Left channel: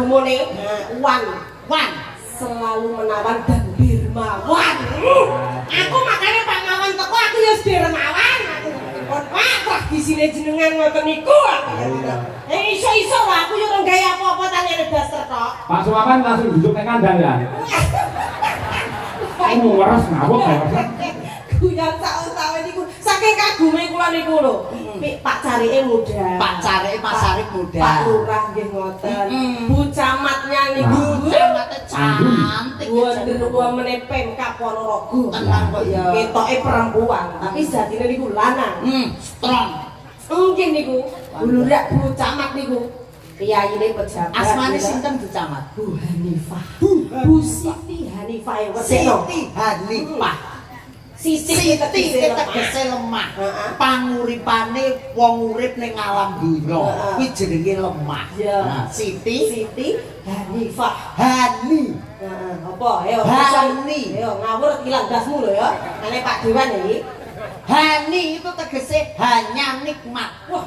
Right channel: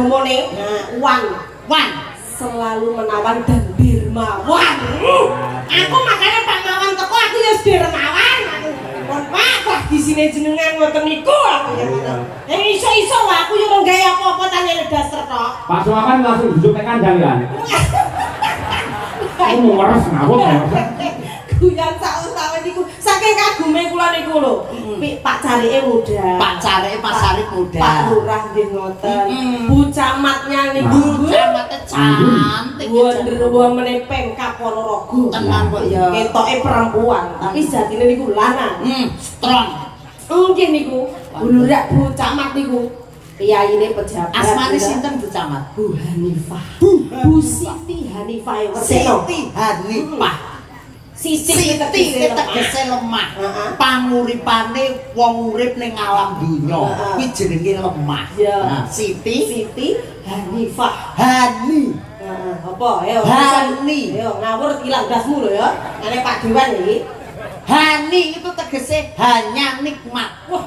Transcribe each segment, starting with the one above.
agamane wan selalu menawan dan dermawan. Aku makanya Pak Mawan teko aku ya dermawan. Wah, di sini jenengan ngoten niku aku ya. Iso-iso aku yo ora gawe apa-apa tanyane daster tok. Pak Sumaman langsung duduk ning kandang. Kamu waras ngawur ya. Guyon sak utawa niku saking kagume kula niku lho. Pak Carike muda. Pak Carike Pasarik muda. Pak Lurah nggih ngoten. Bu Camatnya niku. Bu Camatnya cantik. Wonder Woman Pemkab Ponorogo. Tenang kok ya. Ketoke perempuan, tapi jatine niku lanang. Strong. Nggih niku. Lurah Bu Camat niku. Piyaine pejabat. Asmane sinten Bu Camat? Bu Hanifah. Bu Siti Hanifah. Siti Hanifah. Siti tegese lemah. Panguripane wong urip ning alam dunya kuwi jenenge lemah. Siti Hanifah. Hani. Apa? Ayo. Hani. Ayo ngawur ilang dasmu lho ya. Nek Pak Dewan iki. Hani itu tegese hanya nikmat. Wah,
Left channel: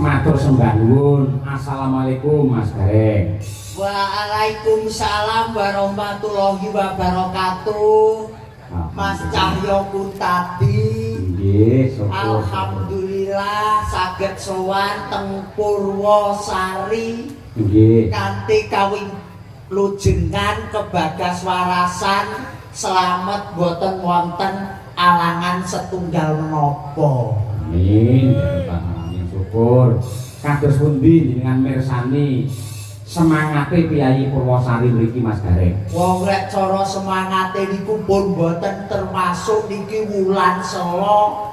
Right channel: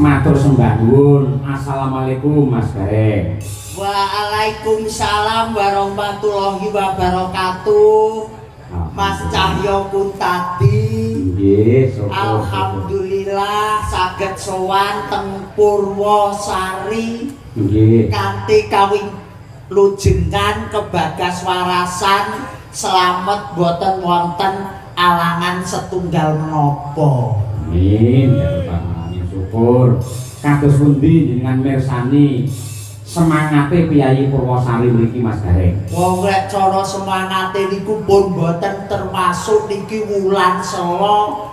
matur sembah nuwun. Assalamualaikum Mas Gareng. Waalaikumsalam warahmatullahi wabarakatuh. Mas Cahyo Kuntadi. Nggih, Alhamdulillah saged sowan teng Purwosari. Nggih. Kanthi kawing lujengan kebagas warasan selamat boten wonten alangan setunggal menapa. Amin. Syukur. Kados pundi jenengan mirsani semangate Piyayi Purwosari mriki Mas Gareng? Wong lek cara semangate niku pun boten termasuk niki wulan Sela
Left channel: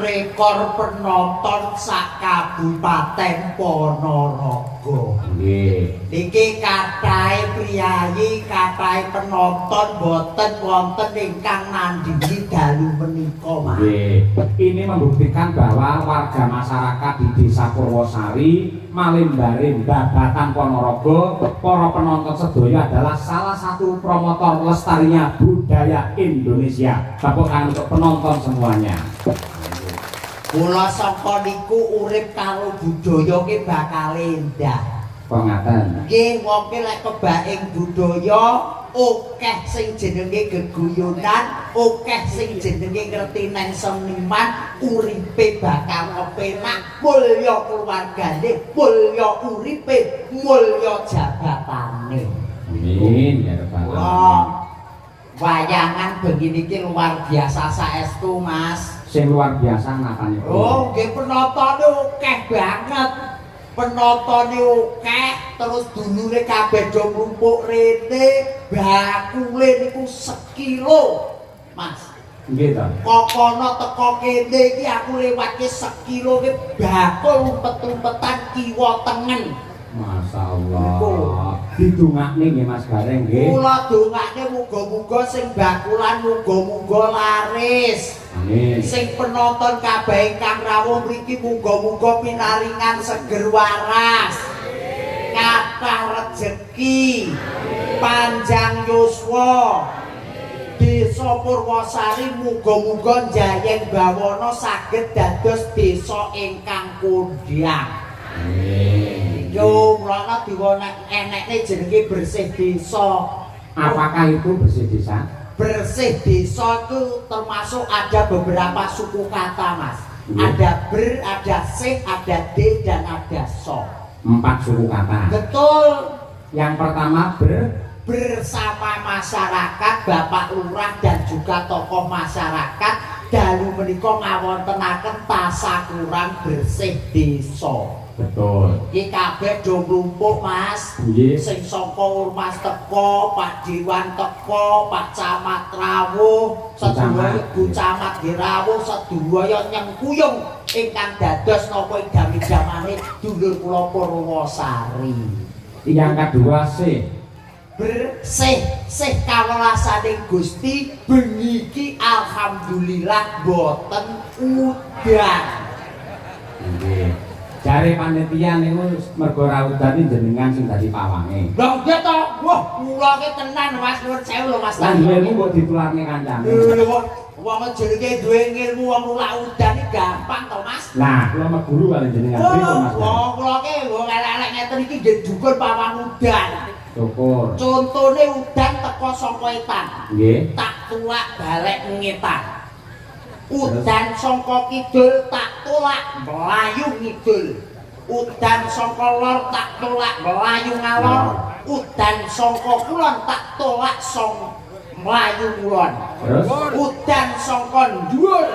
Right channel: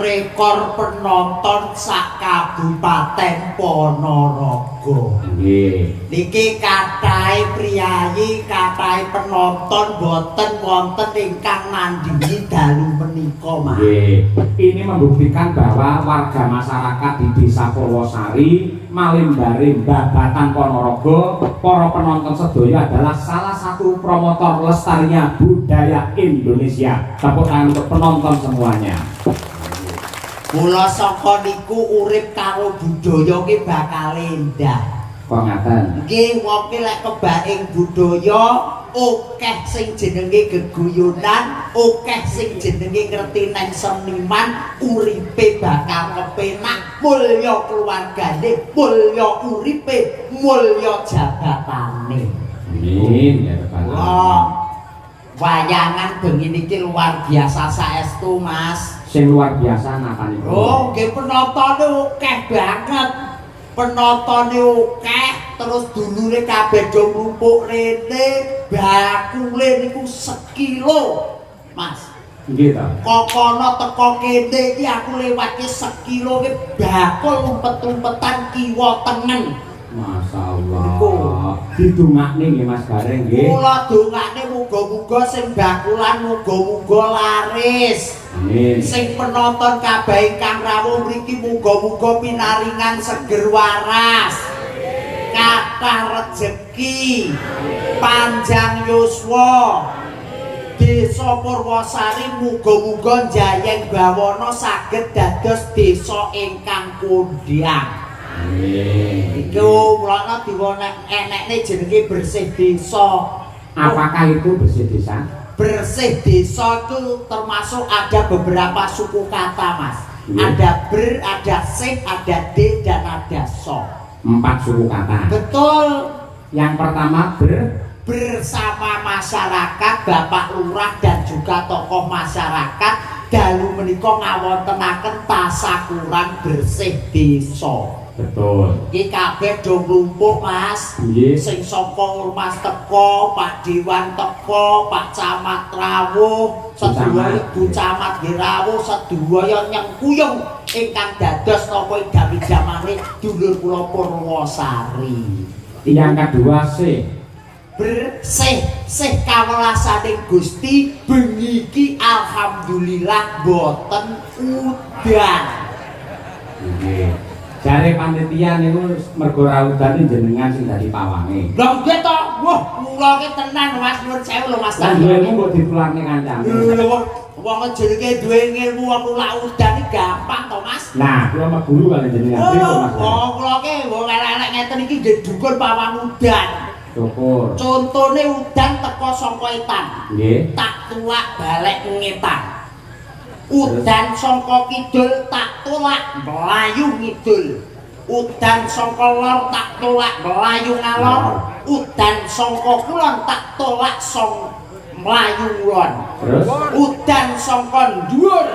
rekor penonton sak Kabupaten Ponorogo. Nggih. Niki kathah priyayi, kathah penonton boten wonten ingkang nandhingi dalu menika, Mas. Nggih. Ini membuktikan bahwa warga masyarakat di Desa Purwosari, Malimbare, Babatan Ponorogo, para penonton sedaya adalah salah satu promotor lestarinya budaya Indonesia. Tepuk tangan untuk penonton semuanya. Mula saka niku urip karo budaya ki bakal endah. Kok ngaten? Nggih, wong ki lek kebaing budaya akeh sing jenenge geguyonan, akeh sing jenenge ngerti neng seniman, uripe bakal kepenak, mulya keluargane, mulya uripe, mulya jabatane. Amin ya rabbal alamin. wayangan bengi niki luar biasa saestu Mas. Sing luar biasa napa niku? Oh, nggih penotone akeh banget. Penotone akeh terus dulure kabeh do ngumpuk rene, bakule niku sekilo. Mas. Nggih ta. Kokono teko kene iki aku lewatke sekilo ki bakul umpet-umpetan kiwa tengen. Masyaallah. Didongakne nggih Mas Gareng nggih. Kula dongakne muga-muga sing bakulan muga-muga laris. Amin. Sing penonton kabeh ingkang rawuh mriki muga-muga pinaringan seger waras. Kathah rejeki. Panjang yuswa. Desa Purwosari muga-muga njayeng bawana saged dados desa ingkang kondhang. Amin. Iku mulane diwonek enekne jenenge bersih desa. Apakah itu bersih desa? Bersih desa itu termasuk ada beberapa suku kata Mas. Iya. Ada ber, ada sing, ada d dan ada so. 4 suku kata. Betul. Yang pertama Bersama masyarakat, Bapak Lurah dan juga tokoh masyarakat dalu menika ngawontenaken tasakuran bersih desa. betul. Iki kabeh do nglumpuk Mas. Nggih. Sing saka Ormas teko, Pak Dewan teko, Pak Camat rawuh, sedaya Ibu Camat rawuh, sedaya nyengkuyung ingkang dados napa idami-damane dulur kula Purwosari. Yang kedua Bersih kawelasaning Gusti bengi iki alhamdulillah boten udan. Nggih. Jare panitia niku mergo ra udan jenengan sing dadi pawange. Lha nggih to, wah kula ki tenan Mas nuwun sewu lho Mas. Lah duwemu kok dipularne kancane. Wong jenenge duwe ilmu wong ora udan iki gampang to Mas. Nah, kula mah guru kali jenengan pripun Mas. Wong kula ki wong elek-elek ngeten iki nggih dukun pawang udan. Syukur. Contone udan teko saka etan. Nggih. Tak tuwak balik ngetan. Udan saka kidul tak tolak melayu ngidul. Udan saka lor tak tolak melayu ngalor. Udan saka kulon tak tolak melayu kulon. Terus Udan saka dhuwur.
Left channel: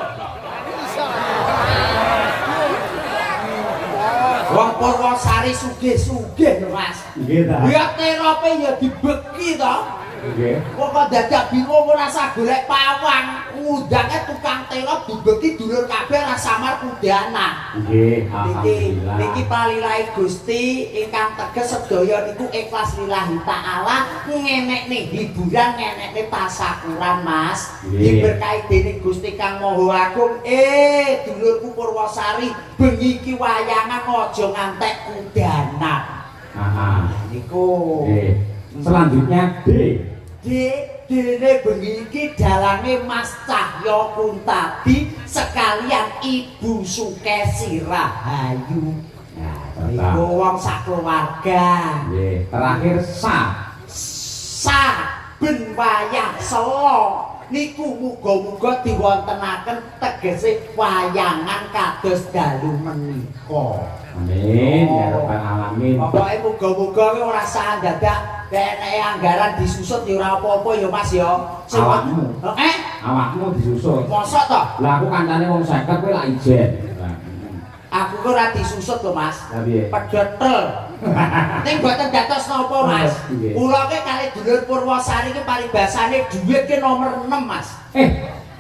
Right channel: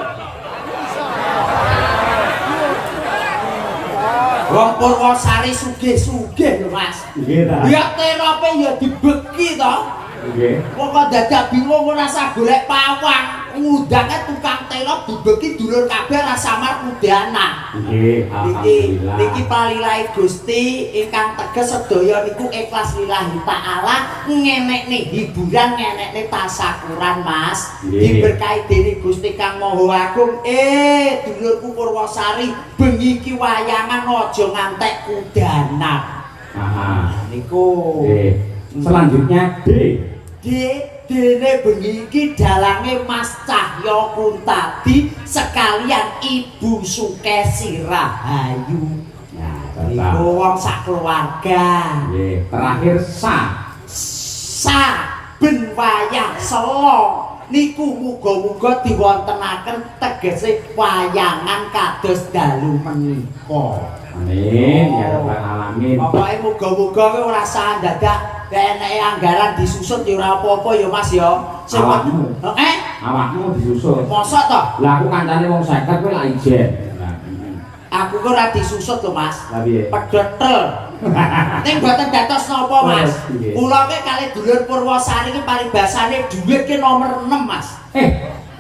Wong Purwosari sugih-sugih lho Mas. nggih ta. Ya terope ya dibeki to. Nggih. Kok dadak bingung ora usah golek pawang. Ngudange tukang telo dibeki dulur kabeh ora samar udanan. Nggih, alhamdulillah. Niki palilahi Gusti ingkang teges sedaya niku ikhlas lillahi taala ngenekne hiburan ngenekne tasakuran Mas. Nggih. Diberkahi dening Gusti Kang Maha Agung. Dulurku Purwosari bengi iki wayangan aja ngantek udanan. Aha. Niku. Selanjutnya Dene bengi iki dalange Mas Cahya Kuntadi sekalian Ibu Sukesi Rahayu. Nah, Niku wong sakeluarga. nggih. Terakhir Ben wayah selo niku muga-muga diwontenaken tegese wayangan kados dalu menika. Amin ya rabbal alamin. Pokoke muga-muga kowe ora usah dadak enek anggaran disusut ya ora apa-apa ya Mas ya. Awakmu. Awakmu disusut. Mosok to? Lah aku kancane wong 50 kowe lak ijen. Aku kok ora disusut lho Mas. Lah piye? Pedotel. Ning mboten dados napa Mas. Nggih. Kula ki kali dulur Purwosari ki paribasane dhuwit ki nomor 6 Mas.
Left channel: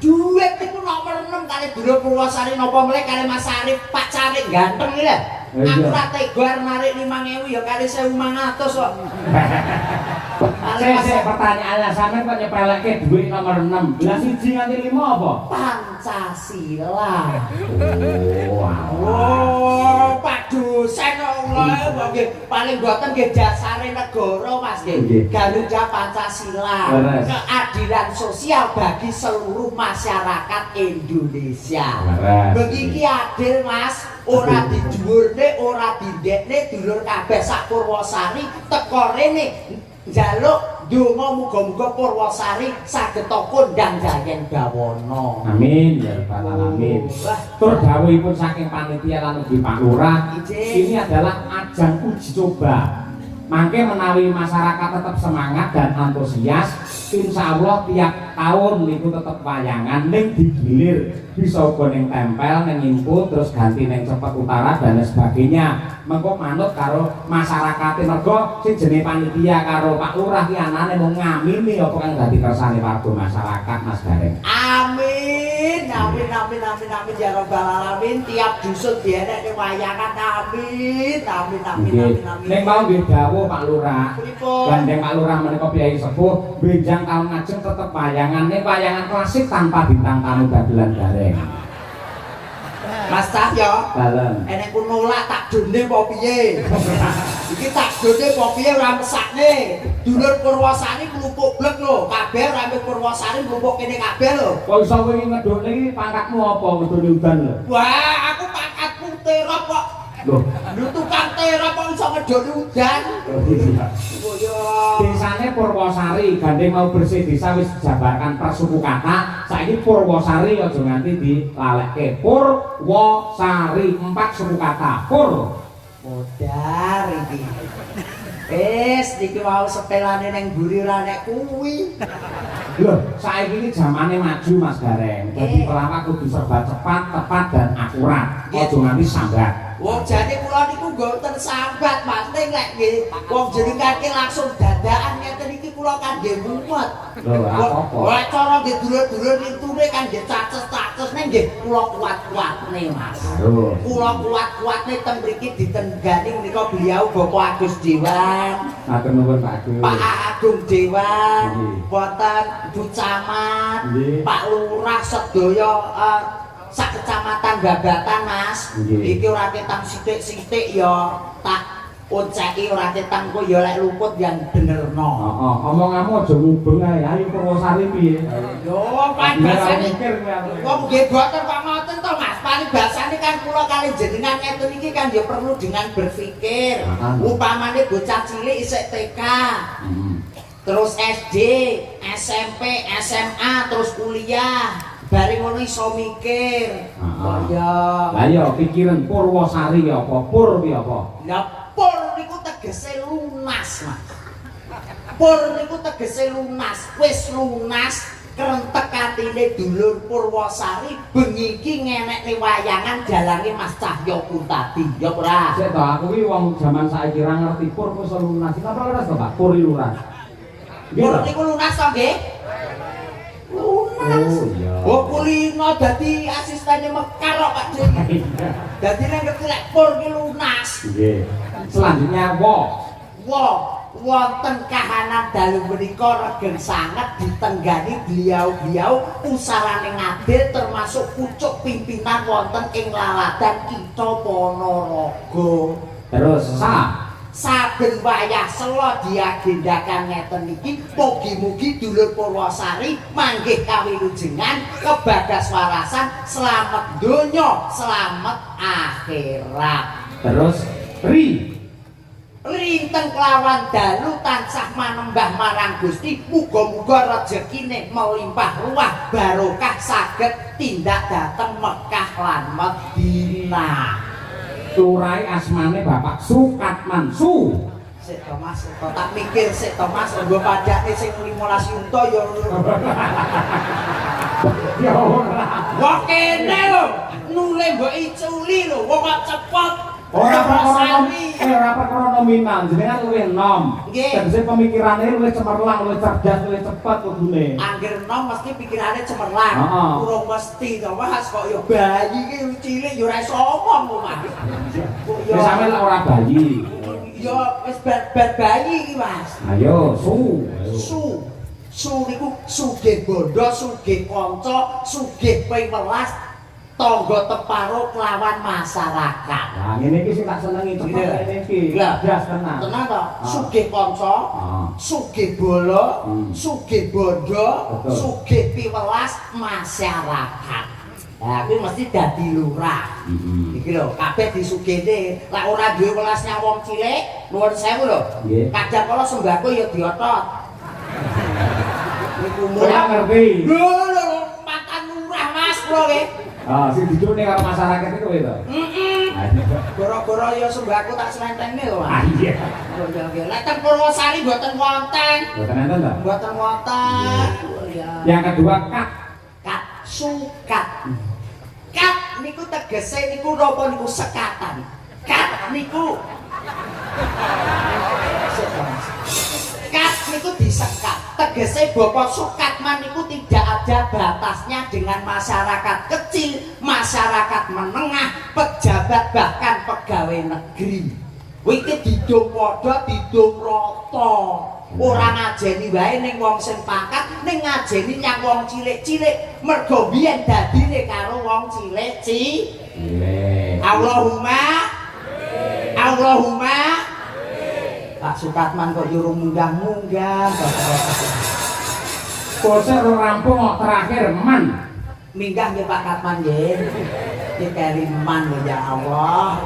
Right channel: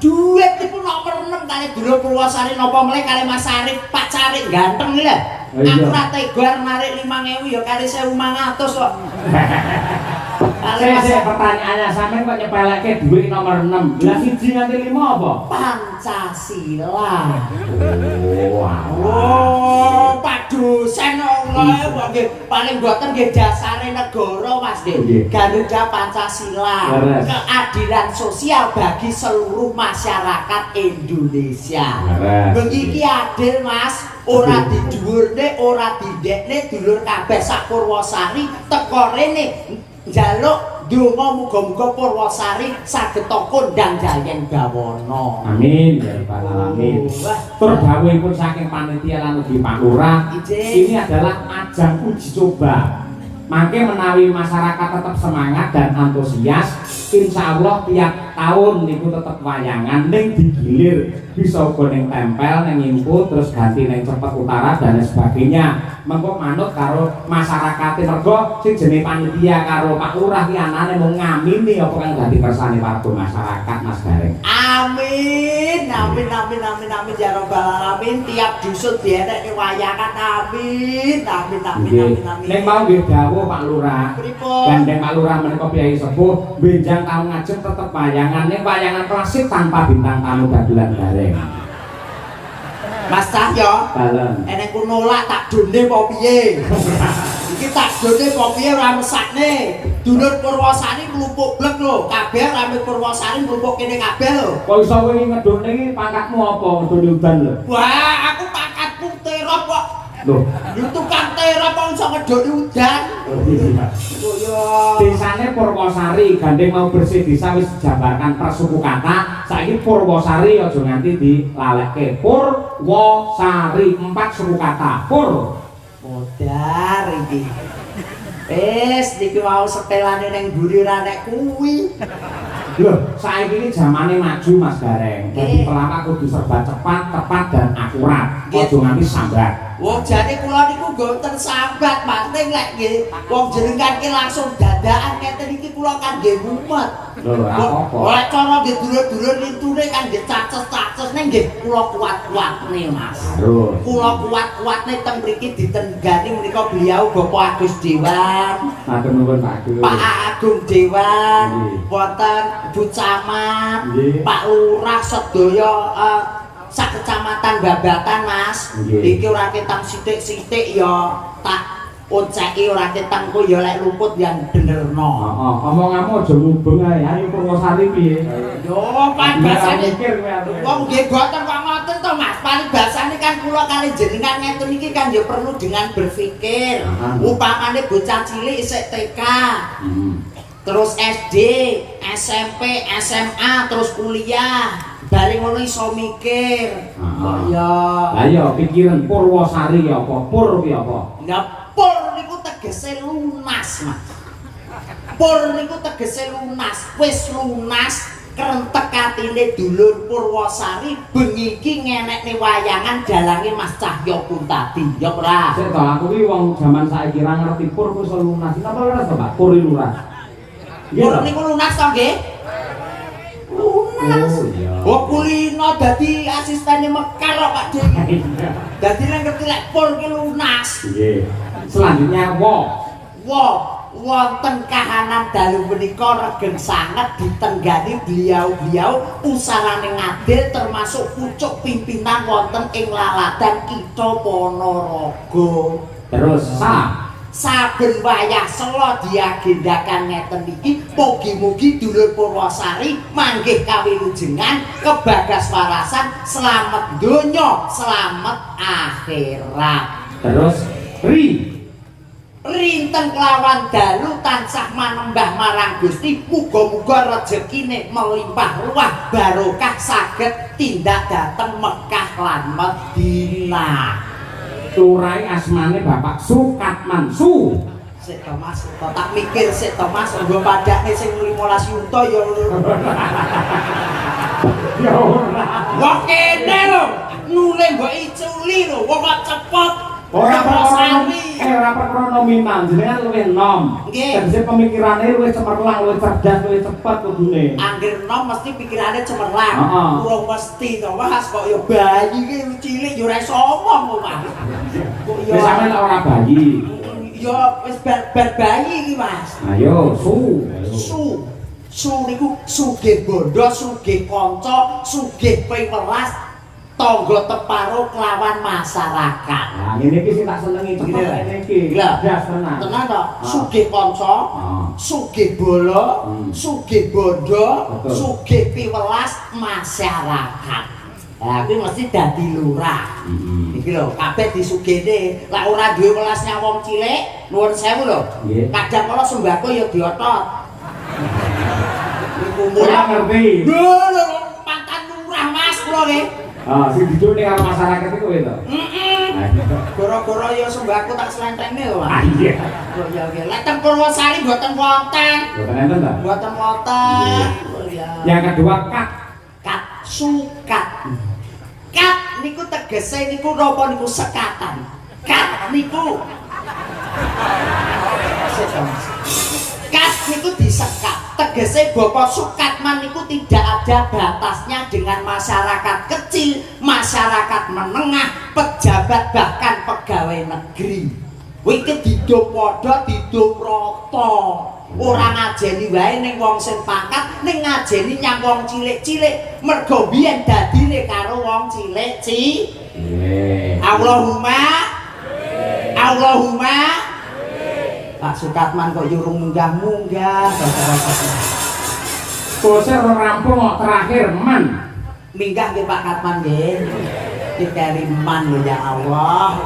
Dhuwit iku nomor 6 kali dulur Purwosari napa mle kali Mas Arif Pak Carik ganteng lho. Aku ora tega narik 5.000 ya kali 1.500 kok. Saya pertanyaannya sampean kok nyepelekke dhuwit nomor 6. Lah 1 nganti 5 apa? Pancasila. Oh, Pak dosen kok nggih paling boten nggih dasare negara Mas nggih. Garuda Pancasila. Keadilan sosial bagi seluruh masyarakat Indonesia. Bengi iki adil Mas. Ora didhuwurne, ora didekne dulur kabeh sak Purwosari teko rene njaluk donga muga-muga Purwosari saged kondang jayeng bawana. amin ya rabbal alamin. Tur dawuhipun saking panitia lan ugi Pak Lurah, ini adalah ajang uji coba. Mangke menawi masyarakat tetap semangat dan antusias, insyaallah tiap tahun niku tetep wayangan ning digilir bisa uga ning tempel ning input terus ganti ning cepet utara dan sebagainya mengko manut karo masyarakat mergo sing jenenge panitia karo Pak Lurah ki anane mung ngamini apa kang dadi kersane warga masyarakat Mas Gareng. Amin, amin, amin, amin, amin ya robbal alamin. Tiap dusun dienekne wayangan. Amin, amin, amin, amin, amin. Nek mau nggih dawuh Pak Lurah. Gandeng Pak Lurah menika piyai sepuh benjang taun ngajeng tetep wayangan ning wayangan klasik tanpa bintang tamu dagelan Gareng. Mas Cahyo, enek ku nolak tak done apa piye? Iki tak done apa piye ora mesakne. Dulur Purwosari mlumpuk blek lho, kabeh rame Purwosari mlumpuk kene kabeh lho. Kok iso wingi ngedone iki pangkatmu apa ngedone udan lho? Wah, aku pangkatku terop kok. Lho, tukang terop kok iso ngedone udan. desane Purwosari gandeng mau bersih desa wis dijabarkan persuku kata saiki Purwosari aja nganti dilalekke Purwosari 4 suku kata Pur modar iki niki mau setelane ning mburi ra nek kuwi lho saiki iki zamane maju Mas Gareng dadi pelawak kudu serba cepat tepat dan akurat aja nganti sambat. Wong jane kula niku mboten sambat, Mas. Ning lek nggih wong jenengan ki langsung dadakan keten iki kula kan nggih mumet. Lho, apa-apa. Lek cara nggih dulur-dulur nintune kan nggih caces-caces ning nggih kula kuat-kuatne, Mas. Lho, kula kuat-kuatne teng mriki ditenggani menika beliau Bapak Agus Dewan. matur nuwun Pak Agus. Pak Agung Dewan, wonten Bu Camat, Pak Lurah sedaya sak kecamatan Babatan Mas. Iki ora ketang sithik-sithik ya tak onceki ora ketang kok ya lek luput yang benerno. Heeh, omonganmu aja ngubung ae. Ayo Purwosari piye? Yo, kan basane wong nggih boten kok ngoten to Mas. Paribasane kan kula kali jenengan ngeten iki kan ya perlu dengan berpikir. Upamane bocah cilik isih TK. Terus SD, SMP, SMA, terus kuliah. Bareng ngono iso mikir. Ya. Lah ya pikiran Purwosari ya apa? Pur ya apa? Lah pur niku tegese lunas, Mas. Pur niku tegese lunas, wis lunas krentek atine dulur Purwosari bengi iki ngenekne wayangan dalange Mas Cahyo pun tadi. Ya ora. Sik to aku ki wong jaman saiki ra ngerti pur wis lunas. Napa leres to, Pak? Pur lurah. Pur niku lunas to nggih? Lunas. Oh kulino dadi asistene Mekar kok Pak Dik. Dadi nek ngerti lek pur ki lunas. Nggih. Selanjutnya wonten kahanan dalu menika regeng sanget ditenggani beliau-beliau usahane ngadil termasuk pucuk pimpinan wonten ing laladan Kitha Ponorogo. Terus saben wayah sela diagendakan ngeten iki mugi-mugi dulur Purwosari manggih kawilujengan kebagas warasan selamat donya selamat akhirat. Terus rinten kelawan dalu tansah manembah marang Gusti muga-muga rejekine melimpah ruah barokah saged tindak dhateng Mekah lan Madinah. Turai asmane Bapak Sukatman Su. Sik to Mas, tak mikir sik to Mas, nggo padake sing 15 yunta ya. Ya ora. Wong kene lho, nule mbok iculi lho, wong kok cepet. Ora perkara nominal, jenengan luwih enom. Tegese pemikirane luwih cemerlang, luwih cerdas, luwih cepet kudune. Angger enom mesti pikirane cemerlang. Heeh. Urung mesti to Mas, kok ya bayi ki cilik ya ora iso omong kok Mas. Wis sampean ora bayi. Ya wis bar bayi iki Mas. Ayo, Su niku sugih bondo, sugih kanca, sugih pewelas, tangga teparo kelawan masyarakat. Nah, ngene iki sing tak senengi cepet ngene iki. Blas tenan. Tenan to, sugih kanca, sugih bola, sugih bondo, sugih piwelas masyarakat. Lah kuwi mesti dadi lurah. Iki lho, kabeh disugihne. Lah ora duwe welasnya wong cilik, nuwun sewu lho. Kadang kala sembako ya diotot. Ora ngerti. Lho, mantan lurah Mas kula nggih. Sing dicune karo masyarakat iku to. Goro-goro ya sembahku tak selentengne lho, Mas. Ah iya. Oh iya nggih. Lek teng Purwosari mboten wonten. Mboten enten ta? Mboten wonten. Oh iya. Yang kedua kat. Kat sukat. Kat niku tegese niku napa niku sekatan. Kat niku kat niku disekat. Tegese Bapak Sukatman niku tidak ada batasnya dengan masyarakat kecil, masyarakat menengah, pejabat bahkan pegawai negeri. Iki diduk padha, diduk rata. Ora ngajeni wae ning wong sing pangkat, ning ngajeni nyang wong cilik-cilik. Mergo biyen dadine karo wong cilik, Allahumma Allahumma Pak Sukatman kok nyuruh munggah-munggah. Bose ora rampung kok terakhir man. Minggah nggih Pak Katman nggih. Dikari man lho ya Allah.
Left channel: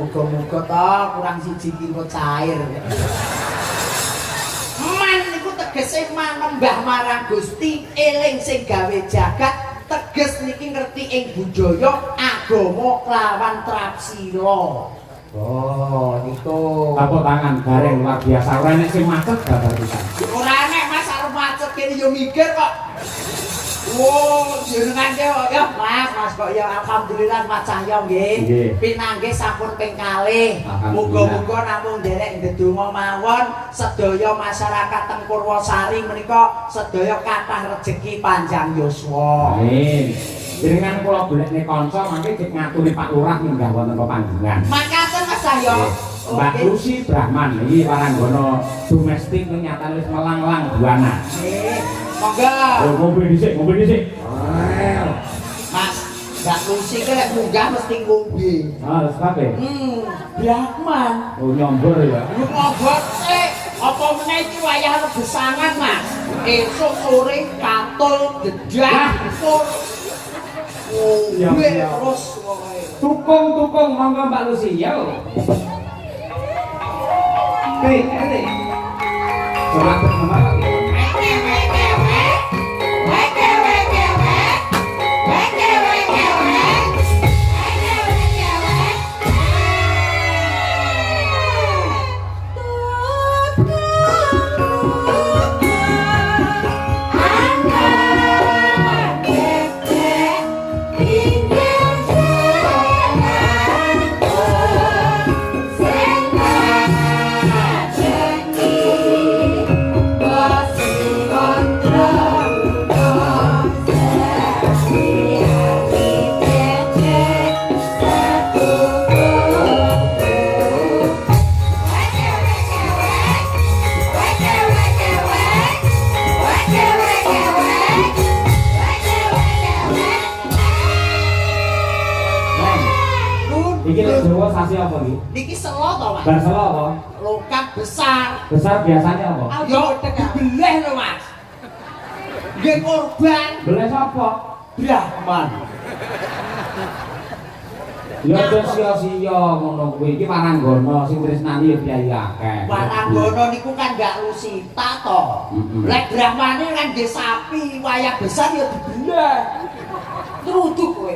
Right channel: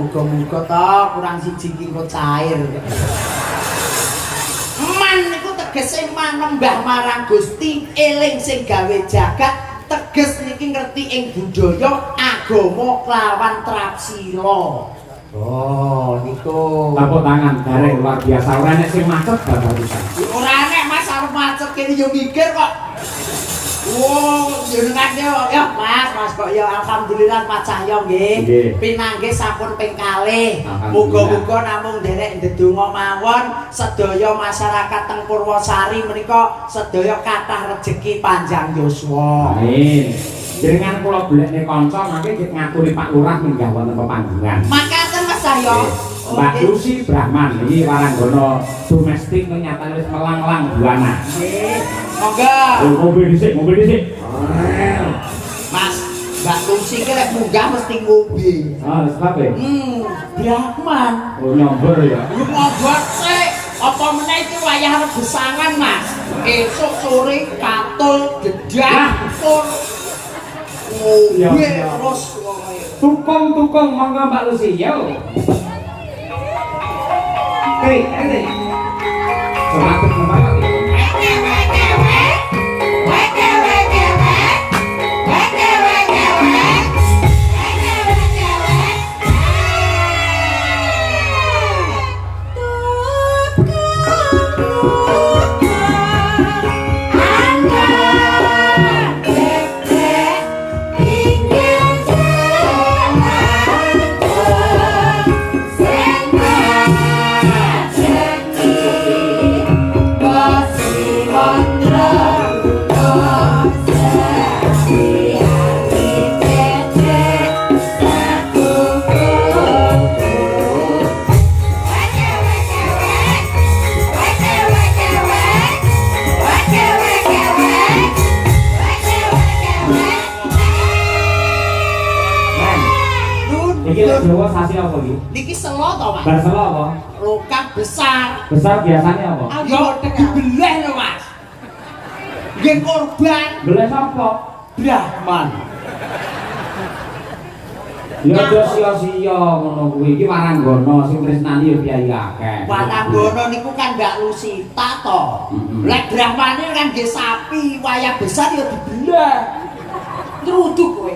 Muga-muga to kurang siji iki kok cair. Man niku tegese manembah marang Gusti, eling sing gawe jagat, teges niki ngerti ing budaya agama klawan trapsila. Oh, iku. Tepuk tangan bareng luar biasa. Ora nek sing macet gak bisa. Ora nek Mas arep macet kene yo mikir kok. Oh, jenengan yo ya Mas kok ya alhamdulillah Mas Cahyo nggih. Pinanggih sampun ping kalih. Muga-muga namung nderek ndedonga mawon sedaya masyarakat teng Purwosari menika sedaya kathah rejeki panjang yuswa. Amin. Jenengan kula golekne kanca mangke ngaturi Pak Lurah minggah wonten pepanggilan. Makaten Mas Cahyo. Mbak Lucy Brahman ini waranggono domestik nyatane wis melanglang buana. Nggih. Monggo. Oh, mobil dhisik. Mas, Mbak Lucy ki lek munggah mesti ngombe. Ah, sebab e. Brahman. Oh, nyombor ya. Yo monggo sik. Apa meneh iki wayah rebusangan, Mas. Esuk sore katul jedah pun. Oh, Ya, weh, ya. terus Tukung monggo Mbak Lucy yo. Oke. Selamat Jawa sasi apa iki? niki selo to, Mas. Bahasa apa? Lokat besar. Besar biasanya apa? Yo dibeleh lho, Mas. Nggih korban Belah sapa? Brahman. Ya aja sia-sia ngono kuwi. Iki waranggono sing tresnani ya kiai akeh. Waranggono niku kan gak lusita to. Lek Brahmane kan nggih sapi, wayah besar ya dibelah. Truduk kowe.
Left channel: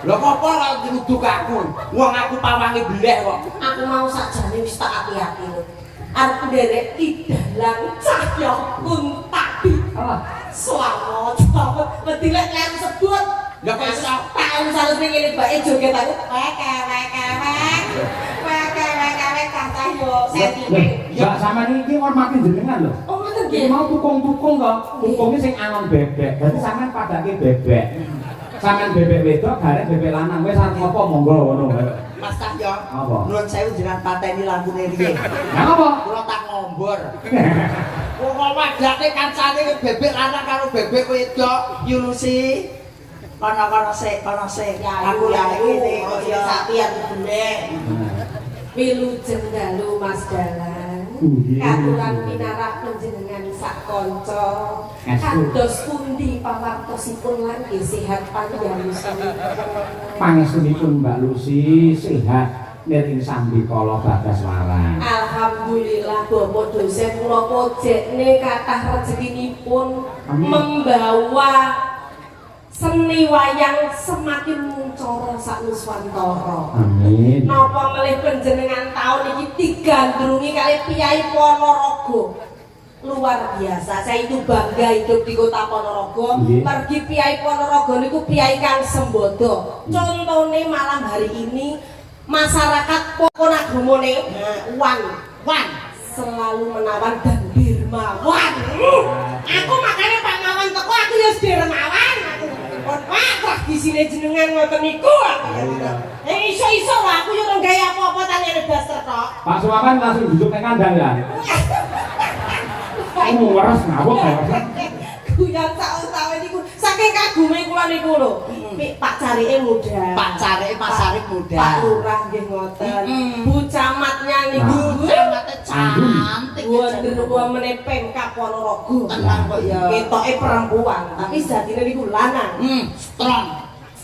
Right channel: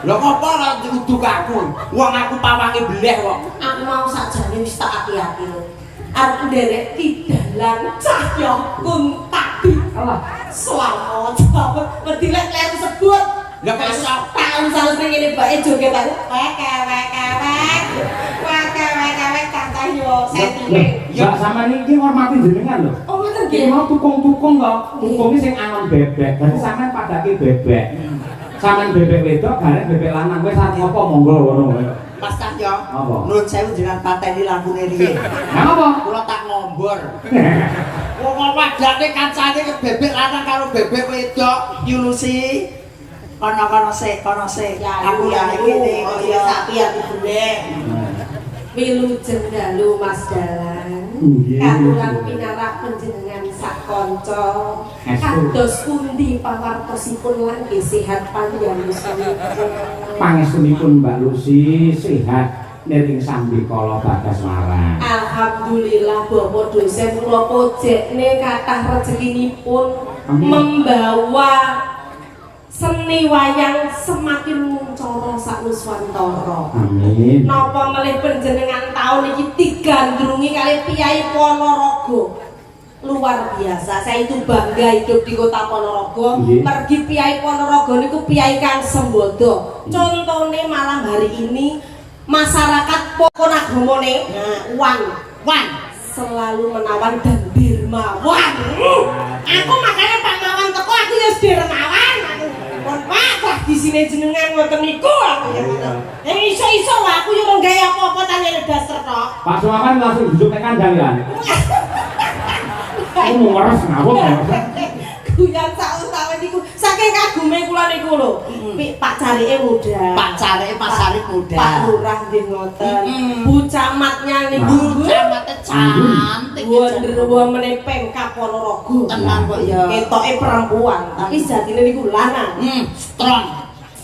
Lho apa ora truduk aku? Wong aku pawange beleh kok. Aku mau sakjane wis tak ati-ati. Arep nderek tidalan Cahyo Kuntabi. Alah, Selamat. Bedilek kleru sebut. Lha kok iso Tak usah ngene mbake joget aku. Kata yo setine. Mbak sampean iki ngormati jenengan lho. Oh ngoten Iki nggih. mau tukung-tukung kok. Tukunge sing angon bebek. Berarti sampean padake bebek. Sampean bebek wedok garek bebek lanang wis arep apa monggo ngono. Mas Cahyo. Apa? Nuwun sewu jenengan pateni lampune riyen. Lah apa? Kula tak ngombor. Wong wadane kancane bebek lanang karo bebek wedok, Yulusi. Kono sik. Aku ya ngene, kok ya sapi aku beleh. Wilujeng dalu Mas Dalan. Nggih. Katuran pinarak panjenengan sak kanca. Kados pundi pawartosipun lan nggih sehat panjang yuswa. Pangestunipun Mbak Lucy sehat niring sambikala bagas warang. Alhamdulillah Bapak dosen kula pojekne kathah rezekinipun Amin. membawa seni wayang semakin cara sak nuswantara. Amin. Napa melih panjenengan taun iki digandrungi kali Piyai Ponorogo. Luar biasa, saya itu bangga hidup di kota Ponorogo. Pergi Piyai Ponorogo niku Piyai kang sembodo. Contohnya malam hari ini masyarakat Ponorogo wan selalu menawan dan dermawan. Aku makanya Pak Mawan teko aku ya dermawan. Wah, tradisine jenengan ngoten niku aku ya. Iso-iso lah aku yo ora gawe apa-apa tanyane daster tok. Pak Sumakan langsung duduk ning kandang ya. Kamu waras ngawut ya. Guyon sak utawa niku saking kagume kula niku lho. Pak Carike muda. Pak Carike Mas Arif muda. Pak Lurah nggih ngoten. Bu Camatnya niku Camate cantik. Wonder Woman Pemkab Ponorogo. Tenang kok ya. Ketoke perempuan, tapi jatine niku lanang. Strong.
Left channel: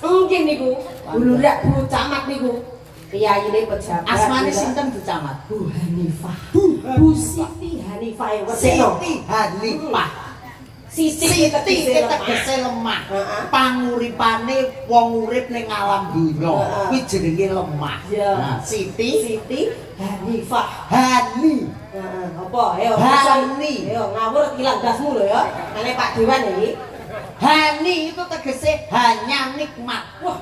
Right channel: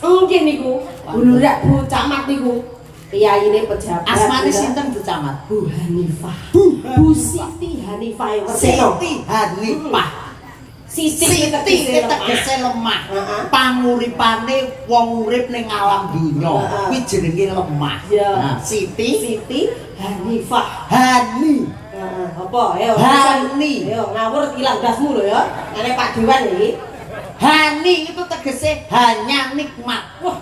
Mungkin niku Lurah Bu Camat niku piyaine pejabat. Asmane sinten Bu Camat? Bu Hanifah. Bu Siti Hanifah. Siti Hanifah. Siti tegese lemah. Panguripane wong urip ning alam dunya kuwi jenenge lemah. Nah, Siti Hanifah. Hani. Apa? Ayo. Hani. Ayo ngawur ilang dasmu lho ya. Nene Pak Dewan iki. Hani itu tegese hanya nikmat. Wah,